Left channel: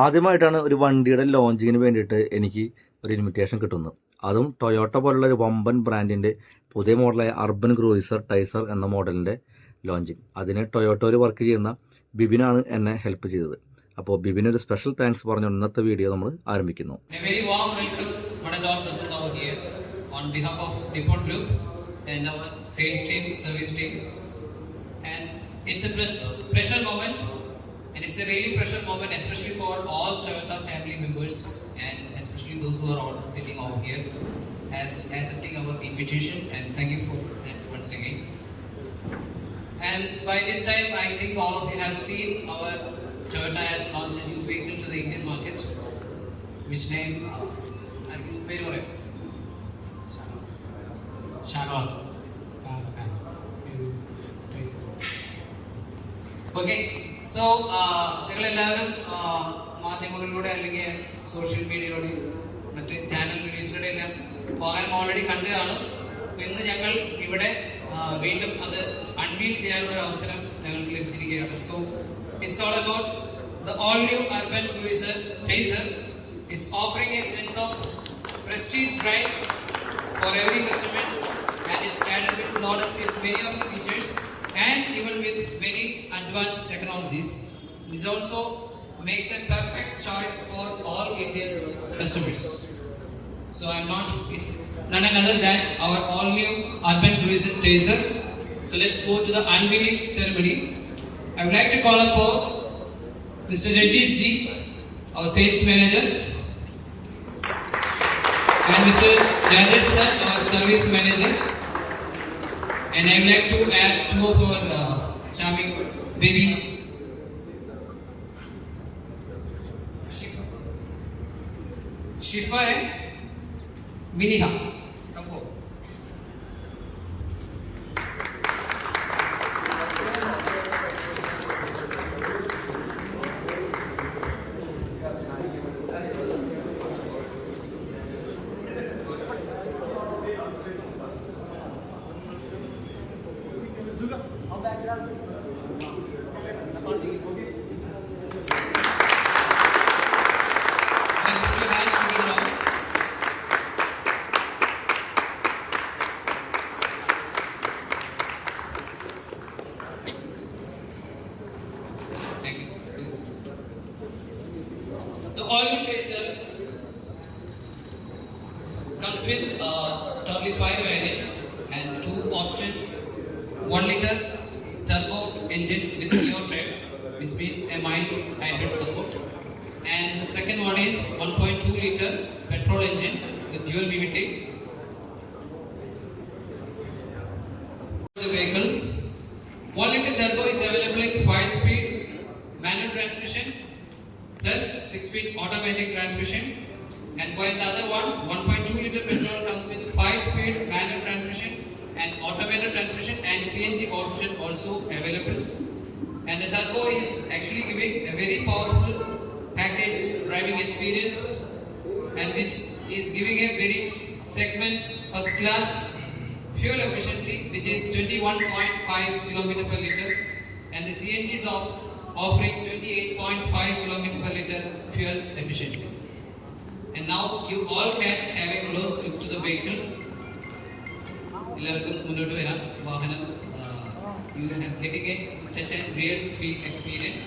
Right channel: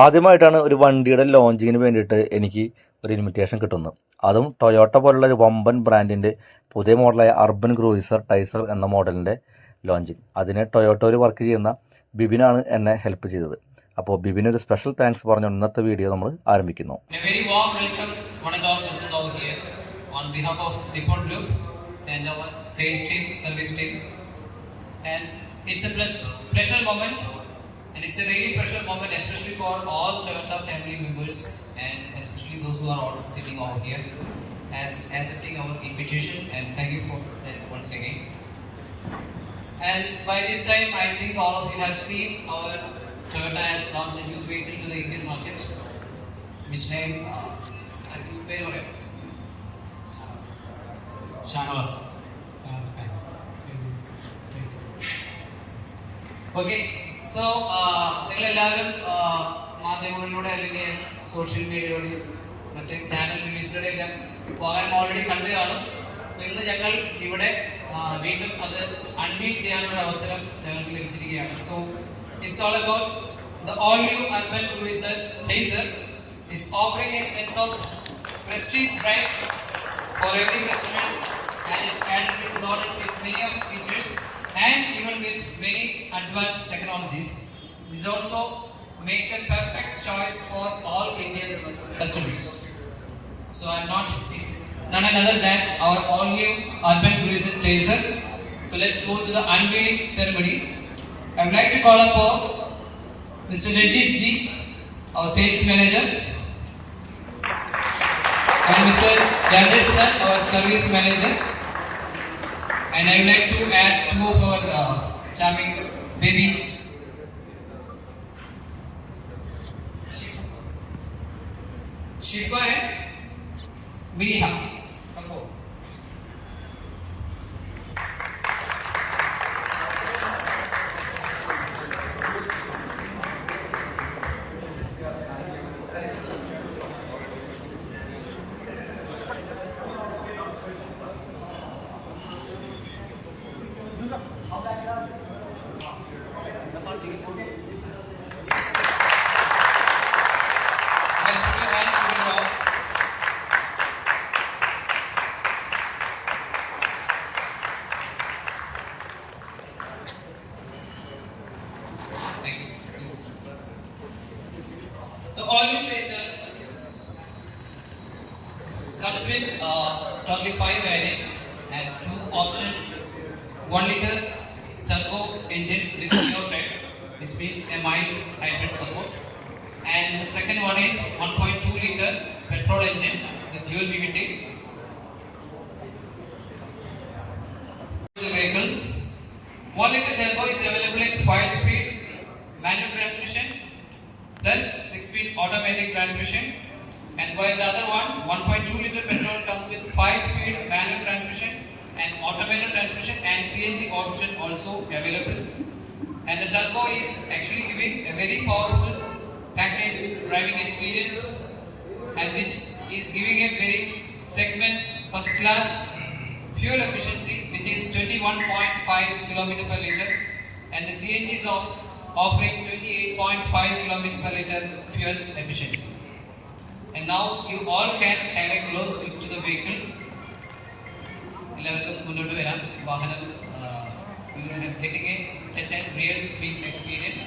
ആദ്യമായിട്ടാണ് ഒരു വണ്ടിയുടെ ലോഞ്ചിങ്ങിന് വേണ്ടിയിട്ട് എനിക്ക് ഒരു ഇൻവിറ്റേഷൻ കിട്ടുന്നത്. അതും ടൊയോട്ട പോലുള്ള ഒരു വമ്പൻ ബ്രാൻഡിൻ്റെ പുതിയ മോഡലായ അർബൻ ക്രൂയിസർ ടൈസർ എന്ന മോഡലിൻ്റെ ലോഞ്ചിങ്. അതിന് ടൊയോട്ടോയിൽ വർക്ക് ചെയ്യുന്ന ബിബിനാണ് എന്നെ ഹെൽപ്പ് ചെയ്തത്. അപ്പോൾ ബിബിനൊരു സ്പെഷ്യൽ താങ്ക്സ് പറഞ്ഞു ഇന്നത്തെ വീഡിയോ നമ്മൾ ആരംഭിക്കുന്നു. And it's a really precious moment, especially for all Toyota family members and especially those who are all sitting over here as accepting our invitation, and thank you for that once again. And by this time, I think all of you have seen our Toyota has launched a new vehicle to the Indian market, which name, Shahnawaz. Okay. So നിങ്ങളെല്ലാവരും മാധ്യമങ്ങളിലൂടെ അല്ലെങ്കിൽ സോഷ്യൽ മീഡിയയിലൂടെയും മറ്റ് ചാനൽ റിവ്യൂസിലൂടെ എല്ലാം വാഹനം ഓൾറെഡി കണ്ടു കാണും. അപ്പോൾ ഇന്ന് ഞങ്ങൾ ഇവിടെ വീണ്ടും അത് അൺവീൽ ചെയ്യാനുള്ള അവസരം ഞങ്ങൾക്ക് ലഭിച്ചിരിക്കുകയാണ്. So it's all about the all new urban cruiser Taisor. It's offering a sense of prestige pride for every customers, and it's added with loaded with many of the features and even with many advanced technologies, which also makes a perfect choice for all Indian customers. So it's none other than our all new Urban Cruiser Tracer. So let's go to the unveiling ceremony. I would like to call upon Mr. Rajesh Ji, our sales manager, and Mr. Rajesh sir, our service manager. And I would like to add two of our charming baby, Shifa and Miniha. Come on. The all-new Tracer comes with totally 5 variants and 2 options. 1 liter turbo engine with pure drive, which means a mild hybrid support. And the second one is 1.2 liter petrol engine with dual VVT. The vehicle 1 liter turbo is available in 5-speed manual transmission plus 6-speed automatic transmission, and while the other one 1.2 liter petrol comes with 5-speed manual transmission and automatic transmission and CNG option also available. And the turbo is actually giving a very powerful packaged driving experience, and which is giving a very segment first class fuel efficiency, which is 21.5 km per liter, and the CNG is offering 28.5 km per liter fuel efficiency. And now you all can have a close look to the vehicle. You are getting a touch and real feel experience,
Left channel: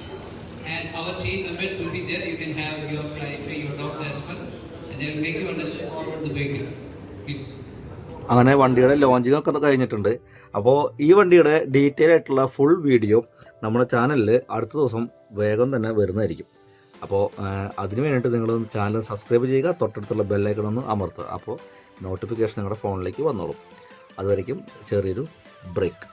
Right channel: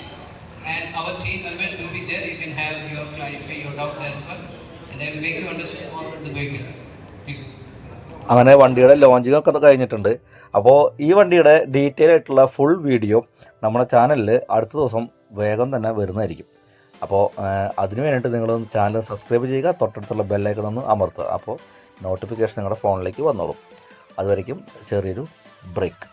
and our team members will be there. You can have clarify your doubts as well, and they will make you understand more about the vehicle. Please. അങ്ങനെ വണ്ടിയുടെ ലോഞ്ചിങ് ഒക്കെ കഴിഞ്ഞിട്ടുണ്ട്. അപ്പോൾ ഈ വണ്ടിയുടെ ഡീറ്റെയിൽ ആയിട്ടുള്ള full video നമ്മുടെ ചാനലിൽ അടുത്ത ദിവസം വേഗം തന്നെ വരുന്നതായിരിക്കും. അപ്പോൾ അതിന് വേണ്ടിയിട്ട് നിങ്ങൾ ചാനൽ സബ്സ്ക്രൈബ് ചെയ്യുക, തൊട്ടടുത്തുള്ള ബെല്ലൈക്കൺ ഒന്ന് അമർത്തുക. അപ്പോൾ നോട്ടിഫിക്കേഷൻ നിങ്ങളുടെ ഫോണിലേക്ക് വന്നോളും. അതുവരയ്ക്കും ചെറിയൊരു ബ്രേക്ക്.